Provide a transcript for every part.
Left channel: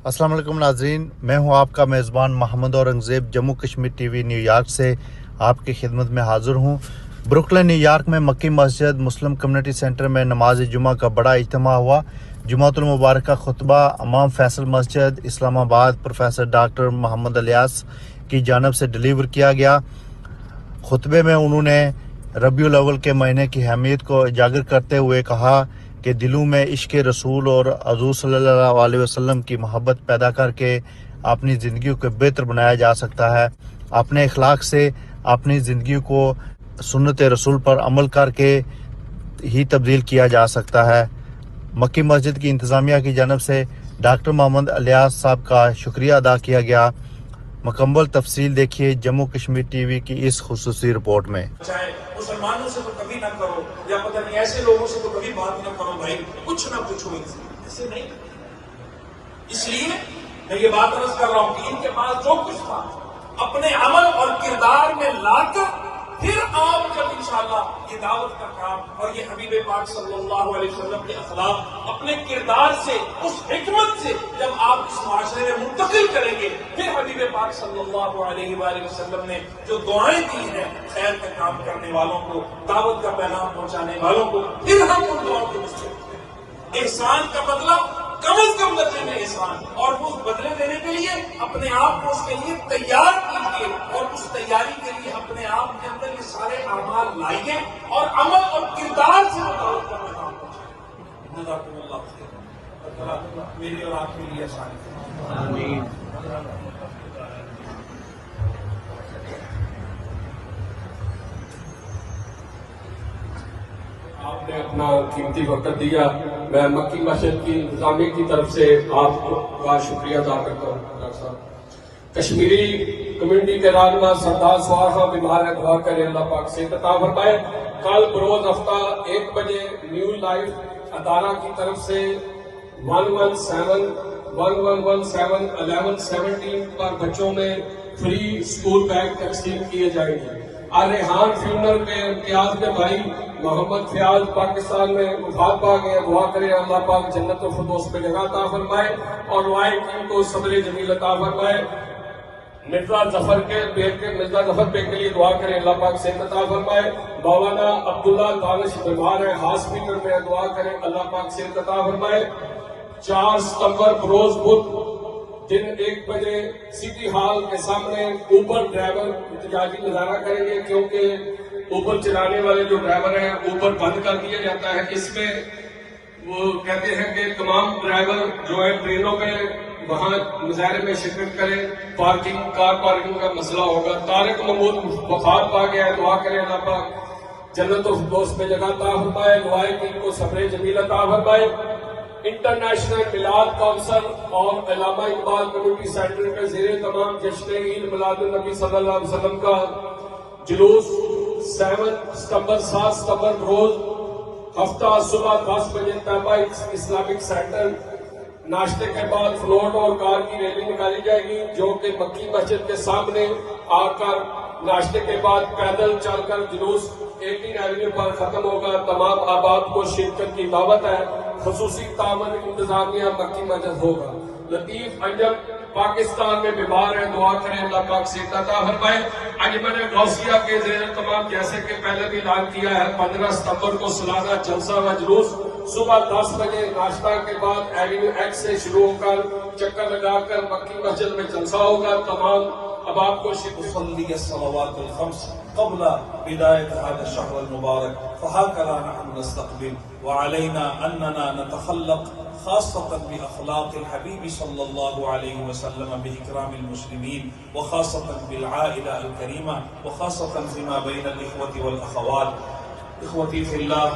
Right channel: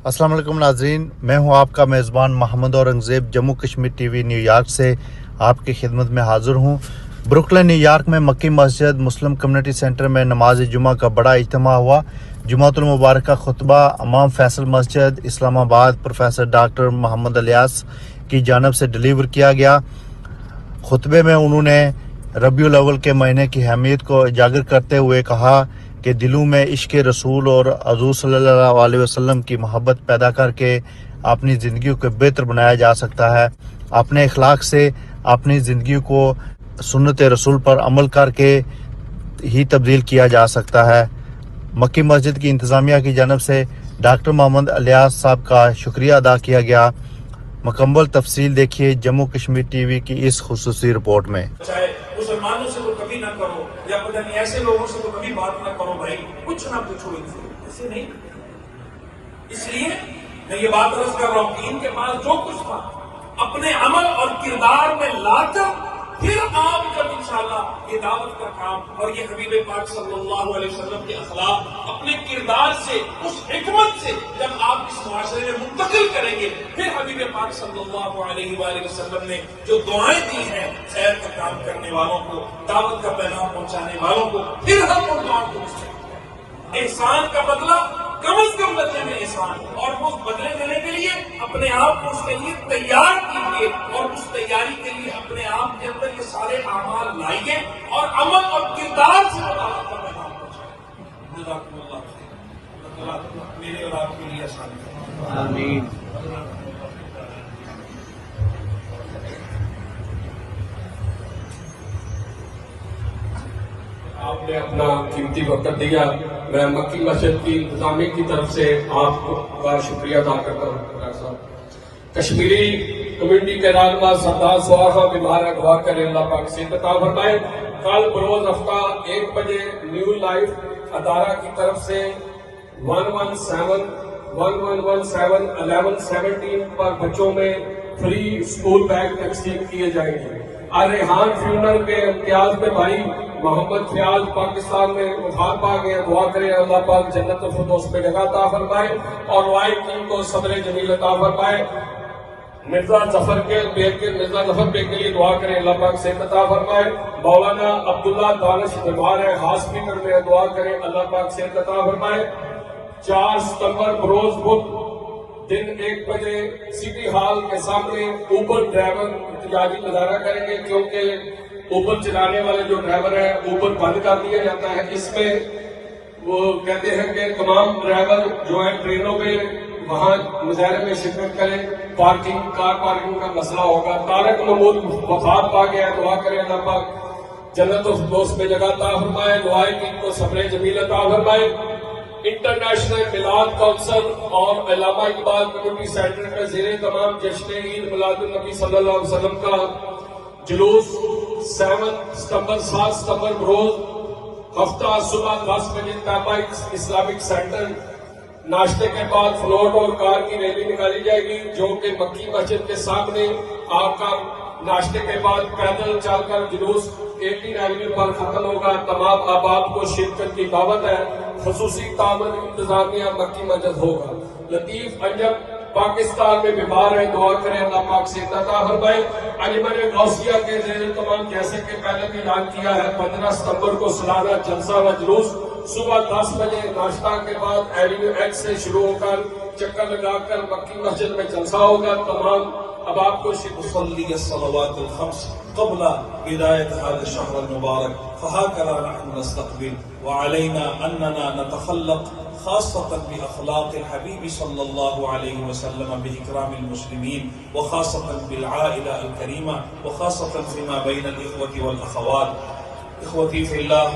अस्सलाम वालेकुम नाज़रीन, मैं हूं आपका मेज़बान मोहम्मद औरंगज़ेब जम्मू कश्मीर टीवी न्यूयॉर्क से आपकी खिदमत में हाज़िर हूं। ब्रुकलिन न्यूयॉर्क में मक्की मस्जिद मुस्लिम कम्युनिटी सेंटर में नमाज जुमा का बड़ा इज्तिमा हुआ। जुमातुल मुबारक का खुतबा इमाम फैसल मस्जिद इस्लामाबाद प्रोफेसर डॉक्टर मोहम्मद इलियास की जानब से डिलीवर किया गया। खुतबे में उन्होंने रबीउल अव्वल के महीने की अहमियत को उजागर करते हुए कहा कि दिलों में इश्क़ रसूल और हुज़ूर सल्लल्लाहु अलैहि वसल्लम की मोहब्बत पैदा करके अपनी ज़िंदगी को बेहतर बनाया जा सकता है। अपने अखलाक से अपनी ज़िंदगी को सुन्नत रसूल पर अमल करके ही तब्दील किया जा सकता है। मक्की मस्जिद की इंतज़ामिया की जानब से डॉक्टर मोहम्मद इलियास साहब का शुक्रिया अदा किया गया। मुकम्मल तफसील देखिए जम्मू कश्मीर टीवी की इस खुसूसी रिपोर्ट में। चाहे मुसलमानों से तो कभी ना करो या पता नहीं ऐसे लोगों से तो कभी बात ना करो भाई, कुछ ना पूछो इनसे, ऐसे नहीं। इसलिए मैं ये बात अर्ज कर रहा हूं कि इनके पास जो कुछ था अपने अमल और किरदार में लाकर फिर आप जब इंशाअल्लाह ये दावत का काम और ये हबीब पाक सल्लल्लाहु अलैहि वसल्लम के अखलाक अपने किरदार से उस हिकमत से जब आप इस माशरे में मुंतकिल करेंगे, फिर हबीब पाक सल्लल्लाहु अलैहि वसल्लम ने जो दुआएं दी हैं खैर का काम करने वालों को, दावत का पैगाम पहुंचाने वालों को, फिर हम उन दुआओं को मुस्तकिल। एहसान का बदला कम अज कम दर्जे में एहसान, और उस बदले देने के लिए अपने आप को उसके लिए तैयार कीजिए और उस तैयारी के लिए अपने आप के अंदर ये सारे अमाल लाइए और अमल और किरदार से दावत का पैगाम पहुंचाइए। जज़ाकुमुल्लाह खैर। अल्लाह मेरे और आपके लिए आसान करे। आमीन। आपने अपना कीमती वक्त दिया। मैं मक्की मस्जिद की इंतजामी की तरफ से आपका शुक्रिया अदा करता हूँ। कश्मीरी कम्युनिटी के रहनुमा सरदार सुहासा बीमार है, दुआ करें अल्लाह पाक से अता फरमाए। कल बरोज हफ्ता 1 बजे न्यू लाइफ अदारा की तरफ से 117 पर बच्चों में फ्री स्कूल बैग तकसीम किए जाएंगे। रेहान फ्यूनर के इम्तियाज में भाई मोहम्मद फयाज पाकिस्तान में वफात पा गए, दुआ करें अल्लाह पाक जन्नत फिरदौस में जगह अता फरमाए और वाई टीम को सब्र जमील अता फरमाए। मिर्जा जफर बेग के लिए दुआ करें अल्लाह पाक सेहत अता फरमाए। मौलाना अब्दुल्ला दानिश बीमार है, हॉस्पिटल में, दुआ करें अल्लाह पाक सेहत अता फरमाए। 4 सितंबर बरोज बुध दिन 1 बजे सिटी हॉल के सामने ऊबर ड्राइवर एहतजाजी मुजाहरा करेंगे, क्योंकि ऊबर चलाने वाले जो ड्राइवर है ऊबर बंद कर दिया जाता है। इसमें वो कहते हैं कि तमाम ड्राइवर जो है ट्रेनों में वहां मुजाहरे में शिरकत करें। कार पार्किंग का मसला होगा। तारक महमूद वफात पा गया है, दुआ करें अल्लाह पाक जन्नत फिरदौस में जगह अता फरमाए। दुआएं की इनको सब्र जमील अता फरमाए। इंटरनेशनल मिलाद काउंसिल और अल्लामा इकबाल कम्युनिटी सेंटर के ज़रिए तमाम जश्न ईद मिलादुन नबी सल्लल्लाहु अलैहि वसल्लम का जुलूस 7 सितंबर रोज हफ्ता सुबह 10 बजे ताबा इस्लामिक सेंटर, नाश्ते के बाद फ्लोट और कार की रैली निकाली जाएगी, जो कि मक्की मस्जिद के सामने आकर नाश्ते के बाद पैदल चलकर जुलूस 18 एवेन्यू पर खत्म होगा। तमाम आबाद को शिरकत की दावत है। खसूसी तामन इंतजामिया मक्की मस्जिद होगा। लतीफ अंजम पाकिस्तान में बीमार है, दुआ करें अल्लाह पाक से अता फरमाए। अंजुमन गौसिया के ज़ेर तमाम जैसे कि पहले भी ऐलान किया है 15 सितंबर को सालाना जलसा व जुलूस सुबह 10 बजे नाश्ता के बाद एवेन्यू एक्स से शुरू होकर चक्कर लगाकर मक्की मस्जिद में जलसा होगा। तमाम अब आपको قبل بداية هذا الشهر المبارك فهكذا نحن نستقبل وعلينا أننا نتخلق خاصة بأخلاق الحبيب صلى الله عليه وسلم بإكرام المسلمين وخاصة بالعائلة الكريمة وخاصة فيما بين الإخوة والأخوات. إخوتي في الله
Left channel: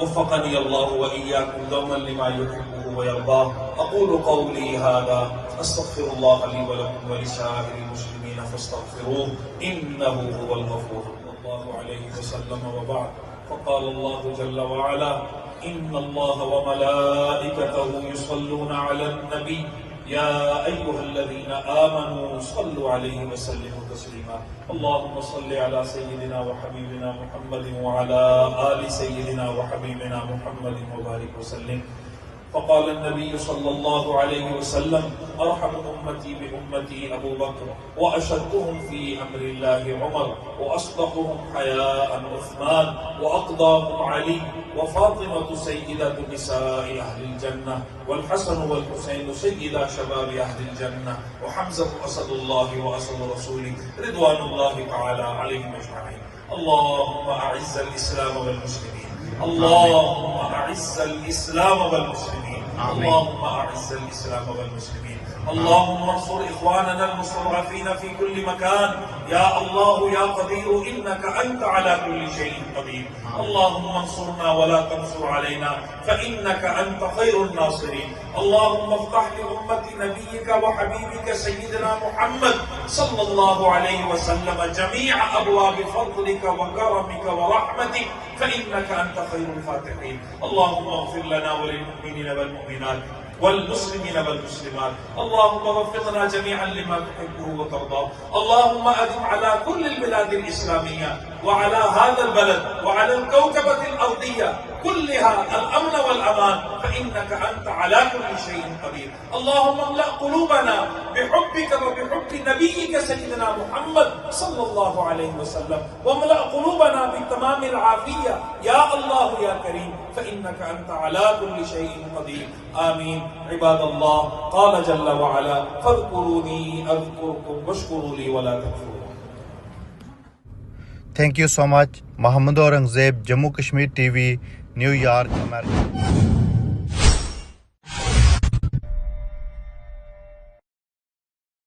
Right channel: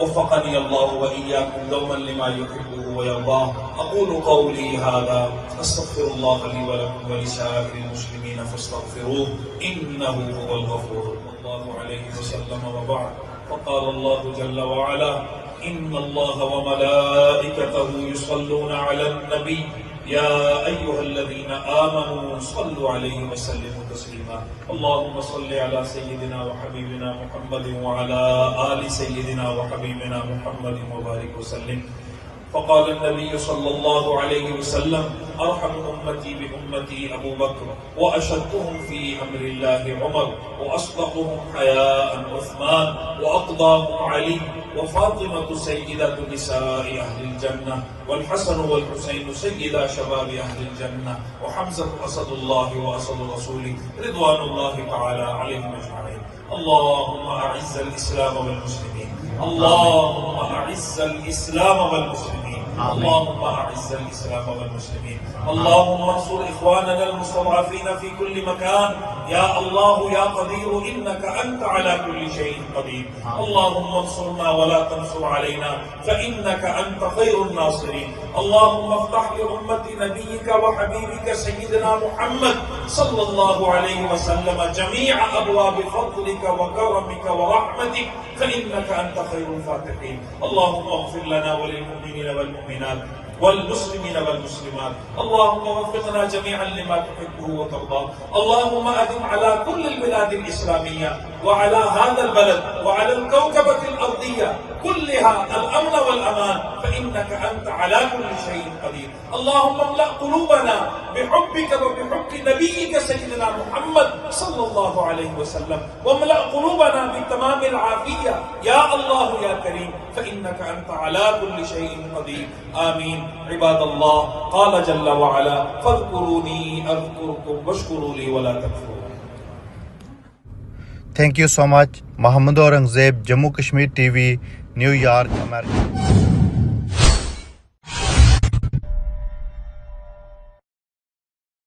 وفقني الله وإياكم دوما لما يحبه ويرضاه. أقول قولي هذا أستغفر الله لي ولكم ولسائر المسلمين فاستغفروه إنه هو الغفور الله عليه وسلم. وبعد فقال الله جل وعلا إن الله وملائكته يصلون على النبي يا أيها الذين آمنوا صلوا عليه وسلموا تسليما. اللهم صل على سيدنا وحبيبنا محمد وعلى آل سيدنا وحبيبنا محمد وبارك وسلم. فقال النبي صلى الله عليه وسلم أرحم أمتي بأمتي أبو بكر وأشدهم في أمر الله عمر وأصدقهم حياء عثمان وأقضاهم علي وفاطمة سيدة نساء أهل الجنة والحسن والحسين سيدا شباب أهل الجنة وحمزة أسد الله وأسد رسوله رضوان الله تعالى عليهم أجمعين. اللهم أعز الإسلام والمسلمين. اللهم أعز الإسلام والمسلمين. اللهم أعز الإسلام والمسلمين. اللهم انصر إخواننا المستضعفين في كل مكان. يا الله يا قدير إنك أنت على كل شيء قدير. اللهم انصرنا ولا تنصر علينا فإنك أنت خير الناصرين. اللهم افتح لأمة نبيك وحبيبك سيدنا محمد صلى الله عليه وسلم جميع أبواب فضلك وكرمك ورحمتك فإنك أنت خير الفاتحين. اللهم اغفر لنا وللمؤمنين والمؤمنات والمسلمين والمسلمات. اللهم وفقنا جميعا لما تحبه وترضاه. اللهم أدم على كل البلاد الإسلامية وعلى هذا البلد وعلى الكوكبة الأرضية كلها الأمن والأمان فإنك أنت على كل شيء قدير. اللهم املأ قلوبنا بحبك وبحب نبيك سيدنا محمد صلى الله عليه وسلم واملأ قلوبنا بتمام العافية يا الله يا كريم فإنك أنت على كل شيء قدير. آمين. عباد الله قال جل وعلا فاذكروني أذكركم واشكروا لي ولا تكفرون. Thank you so much. Mohammed Aurangzeb, Jammu Kashmir TV, New York, America.